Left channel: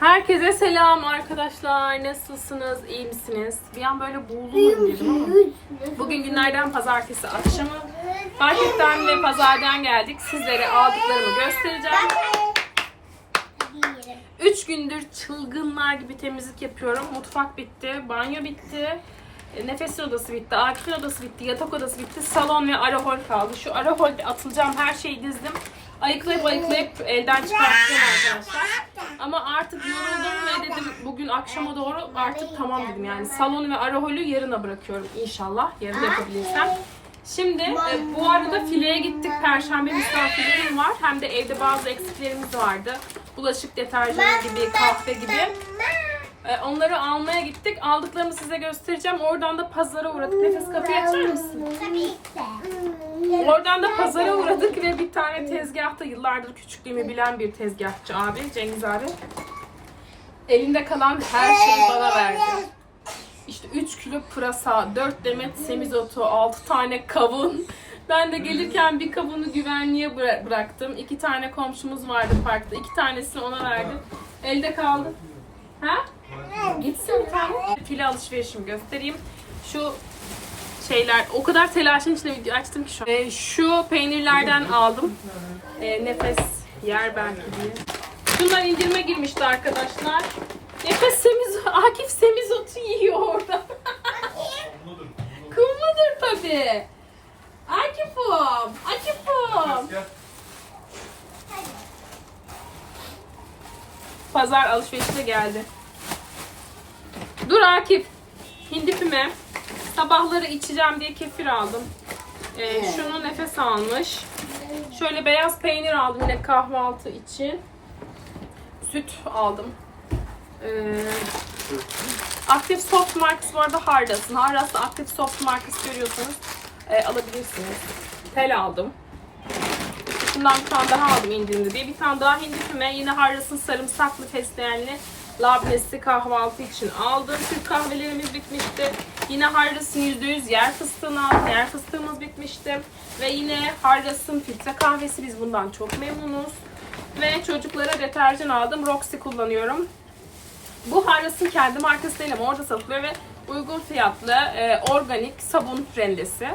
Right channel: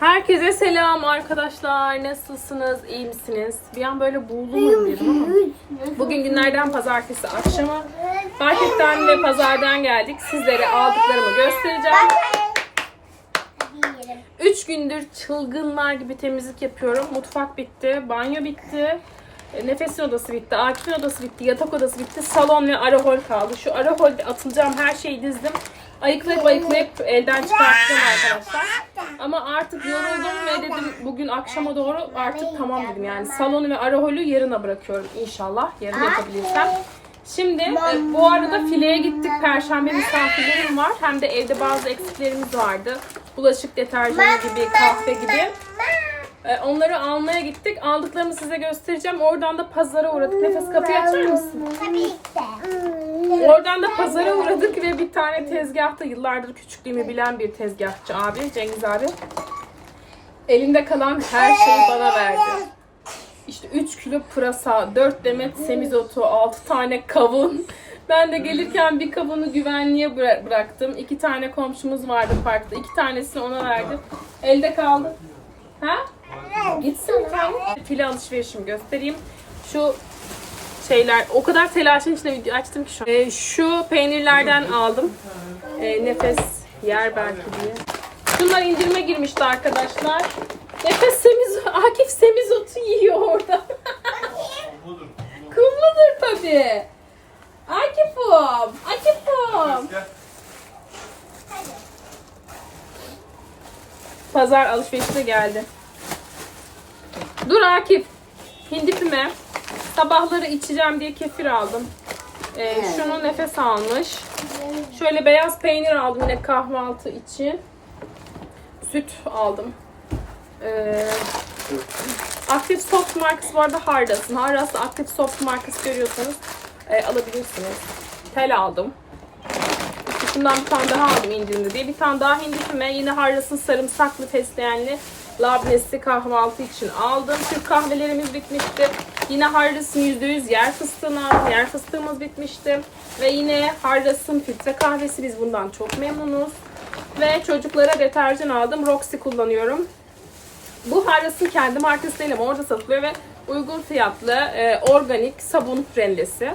Herkese selam arkadaşlar. Nasılsınız? İyi misiniz? Bir an böyle buğuluyum dedim ama. Bugün günlerden pazartesi akşamı. Marketten ve pazardan geldik. Sizlere aldıklarımı göstereceğim. 3 gündür çılgınlar gibi temizlik yapıyorum. Mutfak bitti, banyo bitti. e, Nefes odası bitti, Akif'in odası bitti, yatak odası bitti, salon ve ara hol kaldı. Şu ara holde atılacağım her şeyi dizdim. Ayıklayıp ayıklayıp elden çıkartacağım arkadaşlar. Ama artık yoruldum ve dedim bugün akşama doğru artık tamam dedim yani. Salonu ve ara holü yarına bırakıyorum inşallah. Yarın yapabilirsem. Şimdi e, bu arada fileye gittik. Perşembe misafirlerim var. Hem de evde bazı eksiklerimiz vardı. Bulaşık deterjanı gibi, kahve gibi. E, onları almaya gittik. Aldıklarımı size göstereceğim. Oradan da pazara uğradık. Nefes kapıyı açar mısın? Oradan da pazara uğradık ve bir tane tezgahta yıllardır küçüklüğümü bilen bir tezgahçı abi, Cengiz abi. Elinde kalan her şeyi bana verdi. İşte 3 kilo pırasa, 4 demet semizotu, 6 tane kavun. Ben de gelirken bir kavunu güvenliğe bıra- bıraktım. 2 tane komşumuz vardı parkta. 2 tanesini ona verdim. Elde kaldı. Ha? File alışverişimi göstereyim. Şu şeyler o kadar telaşın içinde video açtım ki şu. Ee, şu peynirlerden aldım. Ee, nefes yer belki diye. Şunlar indirime girmişti arkadaşlar. Nefes semiz, Akif semizotu yiyor orada. Kumludur tabii. Akif'im, Akif'im. Pazar alışverişine geldi. Dur Akif. Hindipime. Sabahları içeceğim diye kefir aldım. Ee, şunu nefes almış. Şöyle beyaz peynir aldım yine kahvaltı için. Süt aldım. Ee, Aktif Soft markası bu arada Hardas'ın. Hardas'ta Aktif Soft markası görüyorsunuz. Ee, alabilirsiniz. Tel aldım. Şundan bir tane daha aldım indirimde diye. Bir tane daha hindifime yine Harras'ın sarımsaklı fesleğenli labnesi kahvaltı için aldım. Türk kahvelerimiz bitmişti. Yine Harras'ın %100 yer fıstığını aldım. Yer fıstığımız bitmişti. Ve yine Harras'ın filtre kahvesi. Biz bundan çok memnunuz. Ve çocuklara deterjan aldım. Roxy kullanıyorum. Bu Harras'ın kendi markası değil ama orada satılıyor ve uygun fiyatlı e, organik sabun rendesi.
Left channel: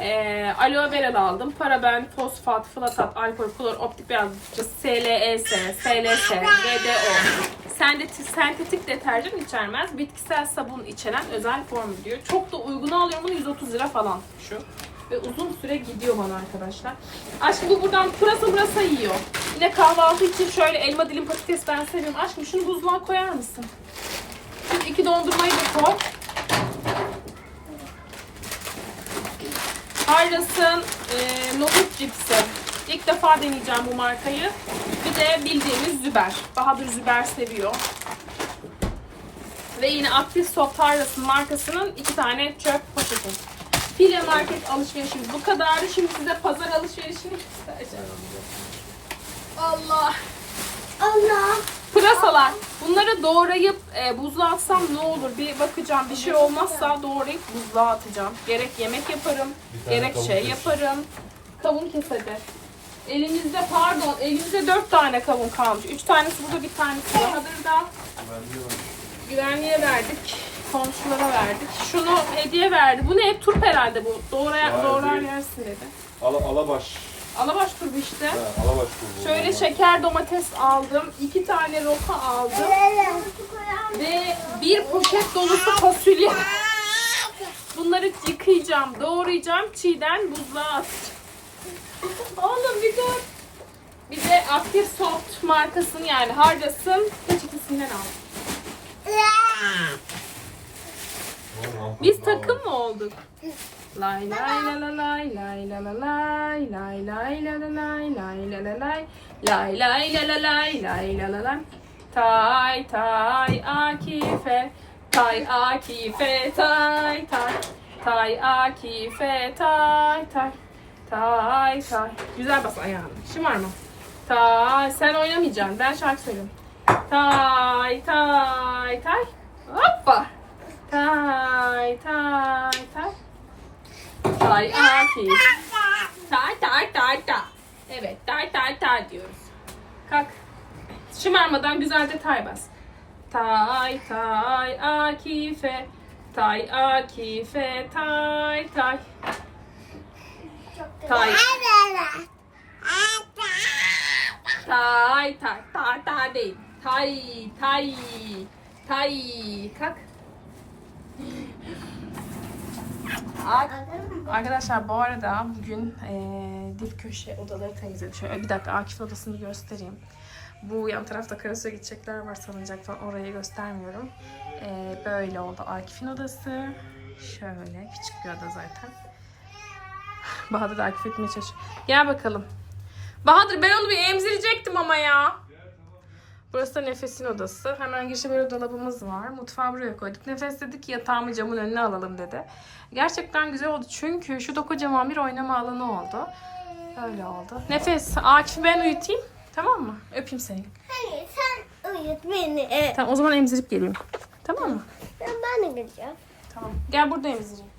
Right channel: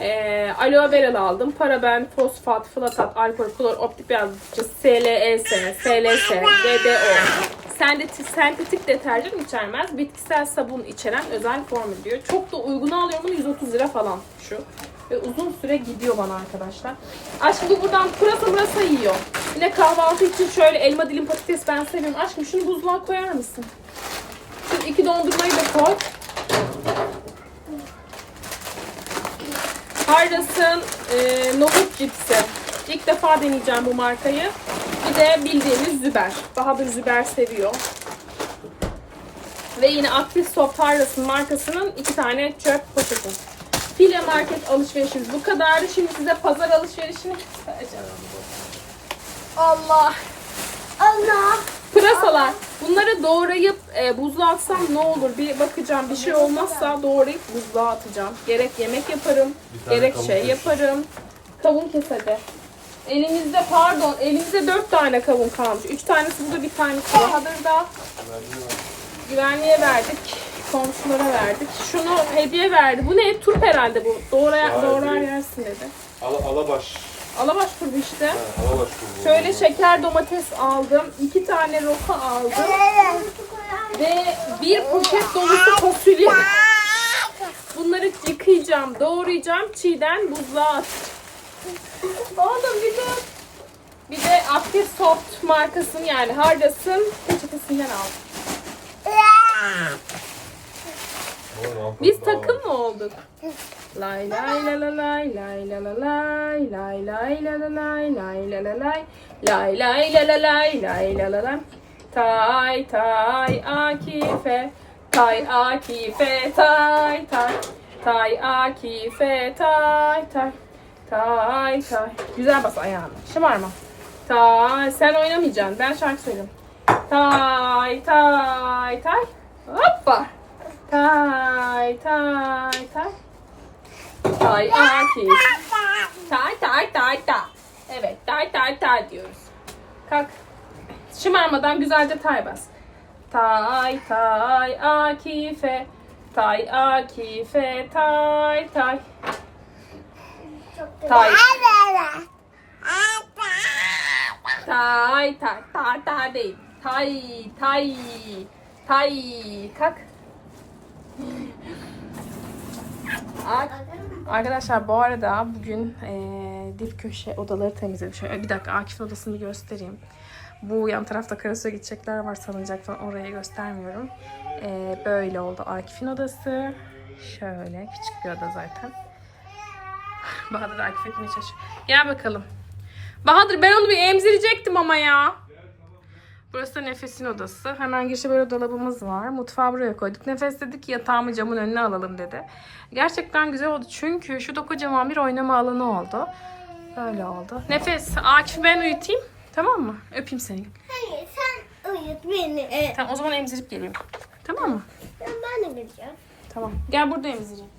E, aloe vera aldım. Paraben, fosfat, flatat, alkol, klor, optik beyazlatıcı, SLES, SLS, DDO. Sentetik, deterjan içermez. Bitkisel sabun içeren özel formül diyor. Çok da uygun alıyorum bunu 130 lira falan şu. Ve uzun süre gidiyor bana arkadaşlar. Aşkım bu buradan pırasa pırasa yiyor. Bir de kahvaltı için şöyle elma dilim patates ben seviyorum. Aşkım şunu buzluğa koyar mısın? Şu iki dondurmayı da koy. Hayras'ın e, nohut cipsi. İlk defa deneyeceğim bu markayı. De bildiğimiz Züber. Bahadır Züber seviyor. Ve yine Aktif Soft Hayras'ın markasının iki tane çöp poşeti. File market alışverişimiz bu kadardı. Şimdi size pazar alışverişini. Allah. Allah. Pırasalar. Bunları doğrayıp e, buzluğa atsam ne olur bir bakacağım. Bir şey olmazsa doğrayıp buzluğa atacağım. Gerek yemek yaparım, Bir tane gerek kavun şey yaparım. Kavun kes hadi. Elimizde pardon, elimizde dört tane kavun kalmış. Üç tanesi burada, bir tanesi Bahadır'da. Güvenliğe verdik. Komşulara verdik. Şunu hediye verdi. Bu ne? Turp herhalde bu. Doğraya, Hayır, doğrar değil. yersin dedi. Ala, alabaş. Alabaş turbu işte. Ha, alabaş kurdu. Şöyle şeker domates aldım. iki tane roka aldım. Ve bir poşet dolusu fasulye. Bunları yıkayacağım, doğrayacağım, çiğden buzluğa at. Oğlum bir dur. Bir de Active Soft markasının yani Hardas'ın peçetesinden aldım. Biz takım mı olduk? Lay lay la la lay lay la la lay lay lay la la lay lay la la lay lay lay la la lay lay la la lay Tay tay Akife Tay Akife tay tay Tay Akife tay tay Tay tay Güzel bas ayağını şımarma Tay sen oynamayacaksın ben şarkı söyleyeyim Tay tay tay Hoppa Tay tay tay Tay Akif. Tay tay tay tay. Evet tay tay tay diyoruz. Kalk. Şımarmadan güzel de tay bas. Tay tay Akife. Tay Akife tay tay. Tay. Tay tay ta ta değil. Tay tay tay kalk. Arkadaşlar bu arada bugün eee dip köşe odaları temizledim. Şöyle bir dakika Akif odasını göstereyim. Bu yan tarafta Karasu'ya gidecekler var sanacak falan orayı göstermiyorum. Eee, böyle oldu Akif'in odası. Şöyle küçük bir oda zaten. Bahadır Akif etmeye çalışıyor. Gel bakalım. Bahadır ben onu bir emzirecektim ama ya. Burası da Nefes'in odası. Hemen girişte böyle dolabımız var. Mutfağı buraya koyduk. Nefes dedi ki yatağımı camın önüne alalım dedi. Gerçekten güzel oldu. Çünkü şurada kocaman bir oynama alanı oldu. Böyle oldu. Nefes, Akif'i ben uyutayım. Tamam mı? Öpeyim seni. Hayır sen uyut beni. Tamam o zaman emzirip geleyim. Tamam mı? Ben, ben de. Tamam. Gel burada emzireyim.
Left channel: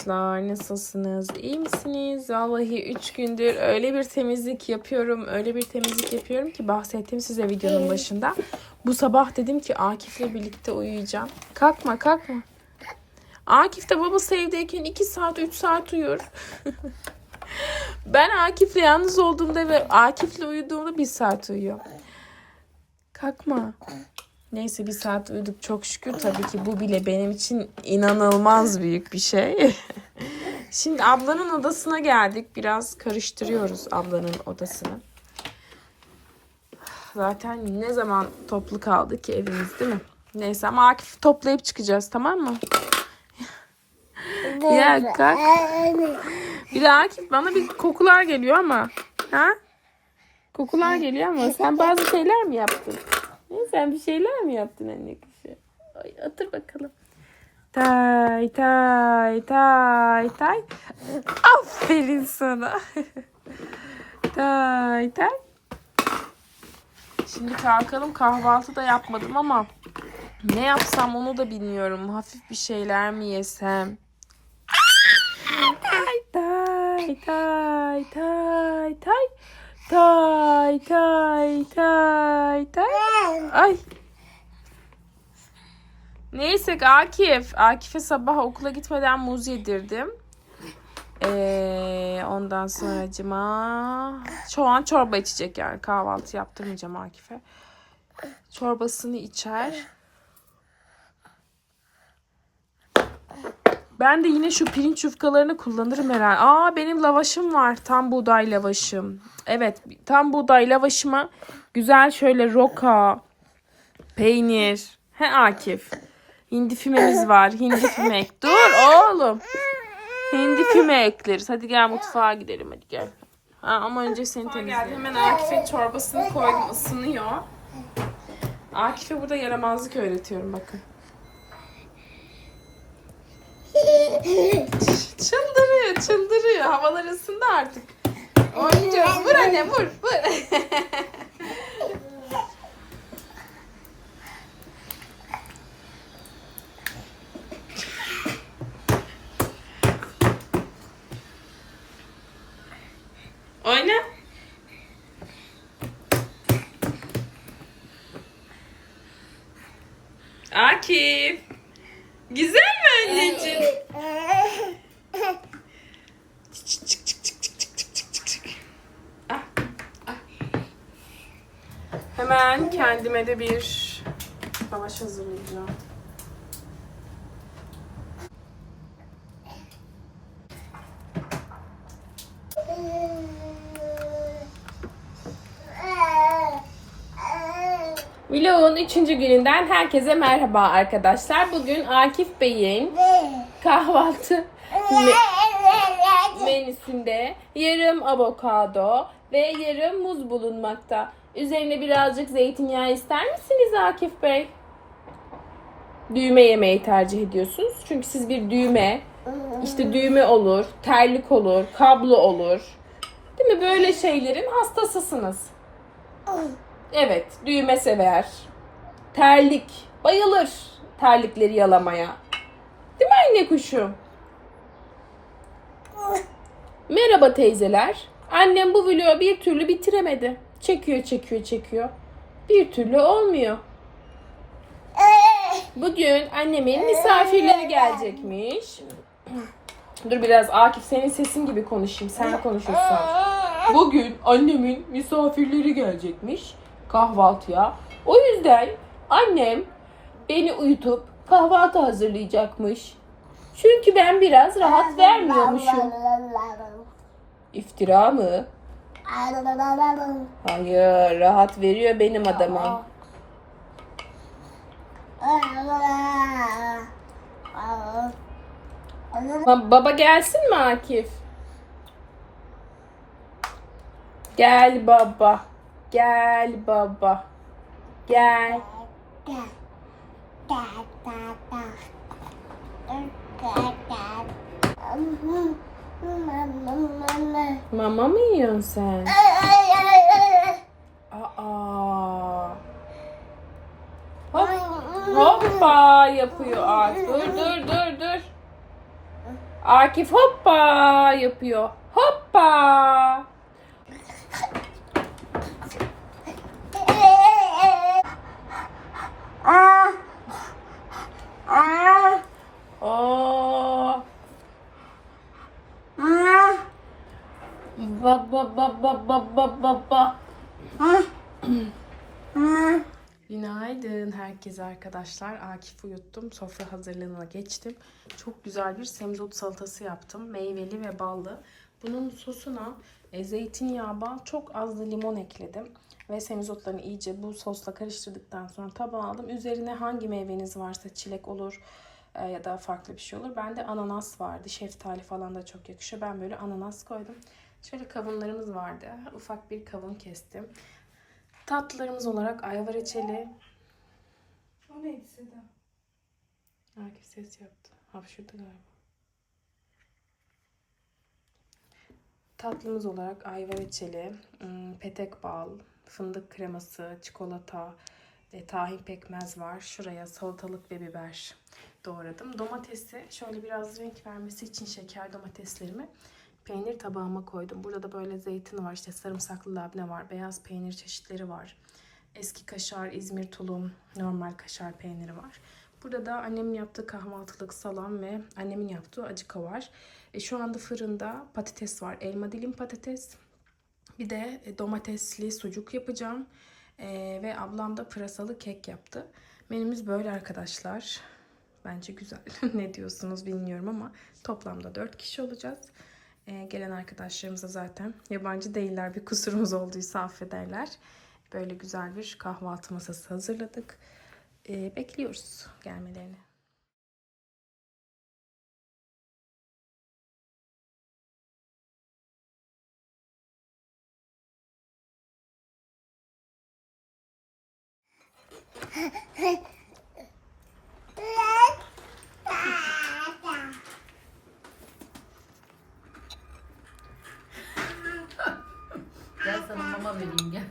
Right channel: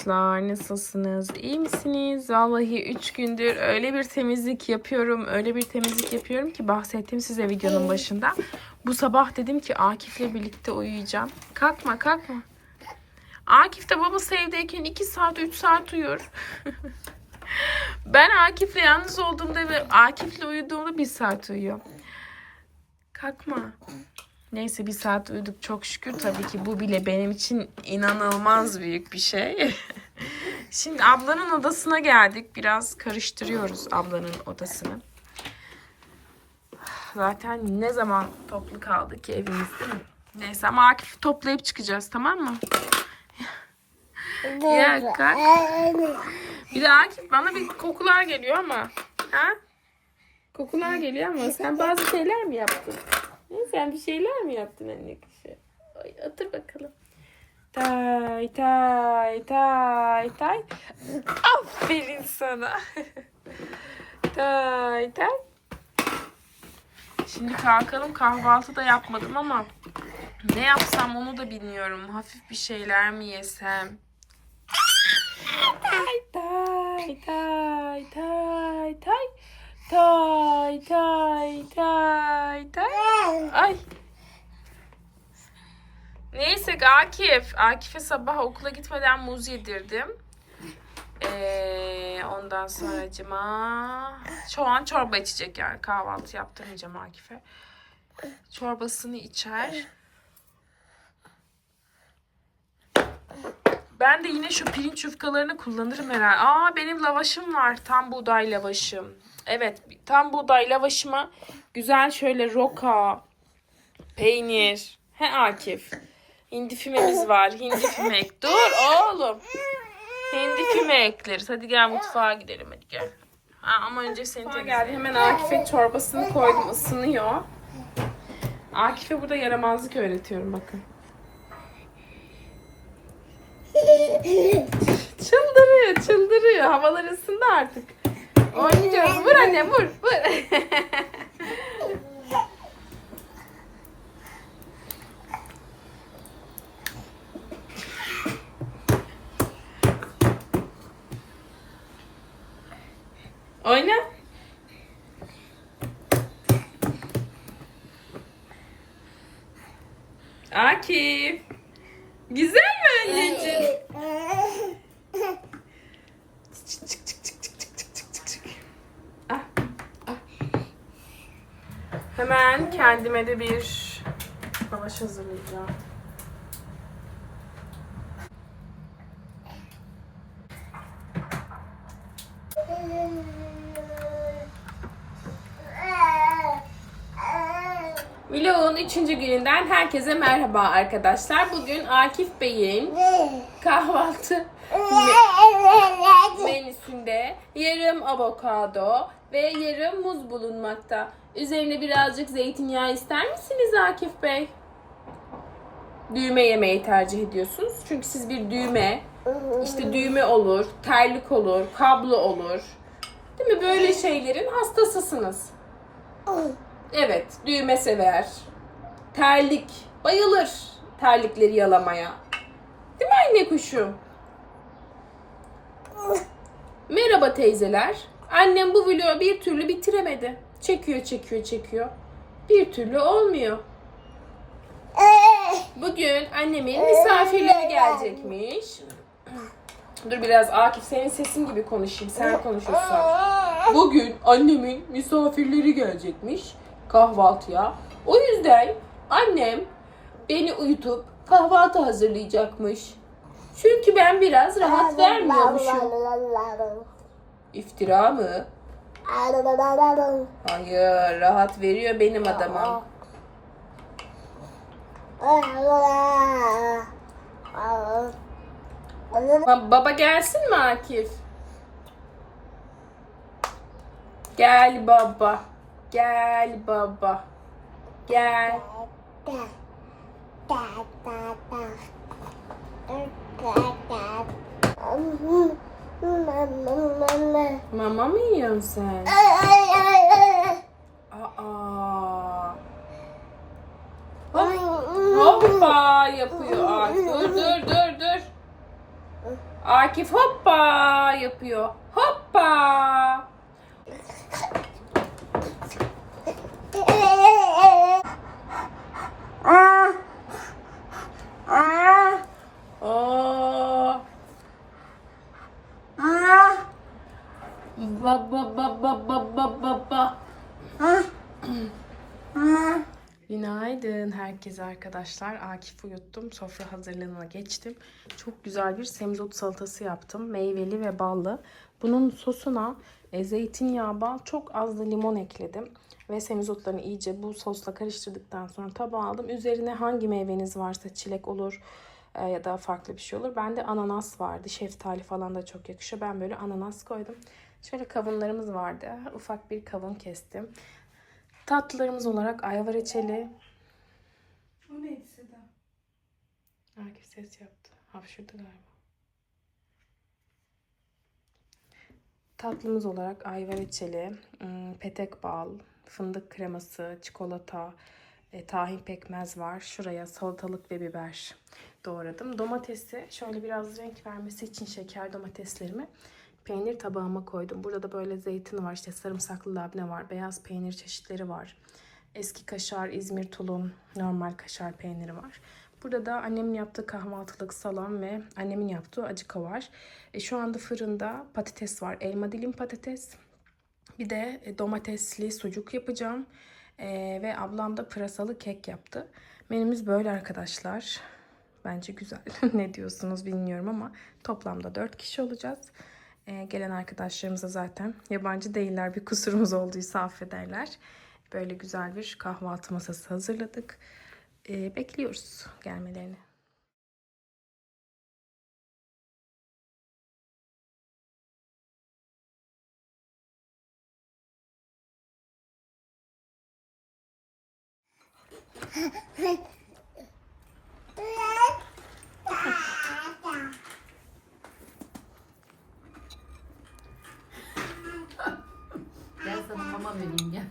Arkadaşlar nasılsınız? İyi misiniz? Vallahi 3 gündür öyle bir temizlik yapıyorum. Öyle bir temizlik yapıyorum ki bahsettim size videonun başında. Bu sabah dedim ki Akif'le birlikte uyuyacağım. Kalkma kalkma. Akif de babası evdeyken 2 saat 3 saat uyur. ben Akif'le yalnız olduğumda ve Akif'le uyuduğumda 1 saat uyuyor. Kalkma. Neyse bir saat uyuduk çok şükür. Tabii ki bu bile benim için inanılmaz büyük bir şey. Şimdi ablanın odasına geldik. Biraz karıştırıyoruz ablanın odasını. Zaten ne zaman toplu kaldı ki evimiz değil mi? Neyse ama Akif'i toplayıp çıkacağız tamam mı? Ya kalk. Bir de Akif bana bir kokular geliyor ama. Ha? Kokular geliyor ama sen bazı şeyler mi yaptın? Sen bir şeyler mi yaptın anne kuşu? Ay, otur bakalım. Tay tay tay tay. Aferin sana. tay tay. Şimdi kalkalım kahvaltı da yapmadım ama ne yapsam onu da bilmiyorum. Hafif bir şeyler mi yesem? Tay tay tay tay tay. Tay tay tay tay. Ay. Neyse Akif. Akif'e sabah okula gitmeden muz yedirdim. Ee, ondan sonra cima. Şu an çorba içecek yani. Kahvaltı yaptırmayacağım Akif'e. Çorbasını içer. Ben de yine şu pirinç yufkalarını kullanırım herhalde. Aa benim lavaşım var. Tam buğday lavaşım. Evet tam buğday lavaşıma güzel şöyle roka, peynir. He Akif. Hindi fümemiz var. Hindi füme ek. Dur oğlum. Hindi füme ekleriz. Hadi gel mutfağa gidelim hadi gel. Ha, ama önce seni geldi. Hemen Akif'e çorbasını koydum ısınıyor. Akif'e burada yaramazlık öğretiyorum bakın. Çıldırıyor, çıldırıyor. Havalar ısındı artık. Oynayacağız. Vur anne, vur, vur. Hemen kendime de bir Lavaş hazırlayacağım. Vlogun 3. gününden herkese merhaba arkadaşlar. Bugün Akif Bey'in kahvaltı menüsünde yarım avokado ve yarım muz bulunmakta. Üzerine birazcık zeytinyağı ister misiniz Akif Bey? Düğme yemeği tercih ediyorsunuz. Çünkü siz bir düğme, işte düğme olur, terlik olur, kablo olur. Değil mi? Böyle şeylerin hastasısınız. Evet, düğme sever. Terlik, bayılır terlikleri yalamaya. Değil mi anne kuşum? Merhaba teyzeler. Annem bu vlogu bir türlü bitiremedi. Çekiyor, çekiyor, çekiyor. Bir türlü olmuyor. Bugün annemin misafirleri gelecekmiş. Dur biraz Akif senin sesin gibi konuşayım. Sen konuşuyorsun. Bugün annemin misafirleri gelecekmiş kahvaltıya. O yüzden annem beni uyutup kahvaltı hazırlayacakmış. Çünkü ben biraz rahat vermiyormuşum. İftira mı? Hayır, rahat veriyor benim adamım. Ba- Baba gelsin mi Akif? Gel baba. Gel baba. Gel. Mama mı yiyorsun sen? Aa. Hop, hoppa yapıyor Akif. Dur dur dur dur. Akif hoppa yapıyor. Hoppa. Aa. Ba ba ba ba ba ba ba ba. Günaydın herkese arkadaşlar. Akif uyuttum. Sofra hazırlığına geçtim. Çok güzel bir semizot salatası yaptım. Meyveli ve ballı. Bunun sosuna e, zeytinyağı, bal, çok az da limon ekledim. Ve semizotlarını iyice bu sosla karıştırdıktan sonra tabağa aldım. Üzerine hangi meyveniz varsa çilek olur e, ya da farklı bir şey olur. Bende ananas vardı. Şeftali falan da çok yakışıyor. Ben böyle ananas koydum. Şöyle kavunlarımız vardı. Ufak bir kavun kestim. Tatlılarımız olarak ayva reçeli. O neydi Seda? Akif ses yaptı. Hapşırdı galiba. Tatlımız olarak ayva reçeli, ım, petek bal, fındık kreması, çikolata, e, tahin pekmez var. Şuraya salatalık ve biber doğradım. Domatesi şöyle biraz renk vermesi için şeker domateslerimi peynir tabağıma koydum. Burada da böyle zeytin var, işte sarımsaklı labne var, beyaz peynir çeşitleri var. Eski kaşar, İzmir tulum, normal kaşar peyniri var. Burada da annemin yaptığı kahvaltılık salam ve annemin yaptığı acıka var. E, şu anda fırında patates var. Elma dilim patates. Bir de e, domatesli sucuk yapacağım. E, ve ablam da pırasalı kek yaptı. Menümüz böyle arkadaşlar. Bence güzel. ne diyorsunuz bilmiyorum ama toplamda 4 kişi olacağız. E, gelen arkadaşlarımıza zaten yabancı değiller. Bir kusurumuz olduysa affederler. Böyle güzel bir kahvaltı masası hazırladık. E, bekliyoruz gelmelerini. Gel sana mama vereyim gel.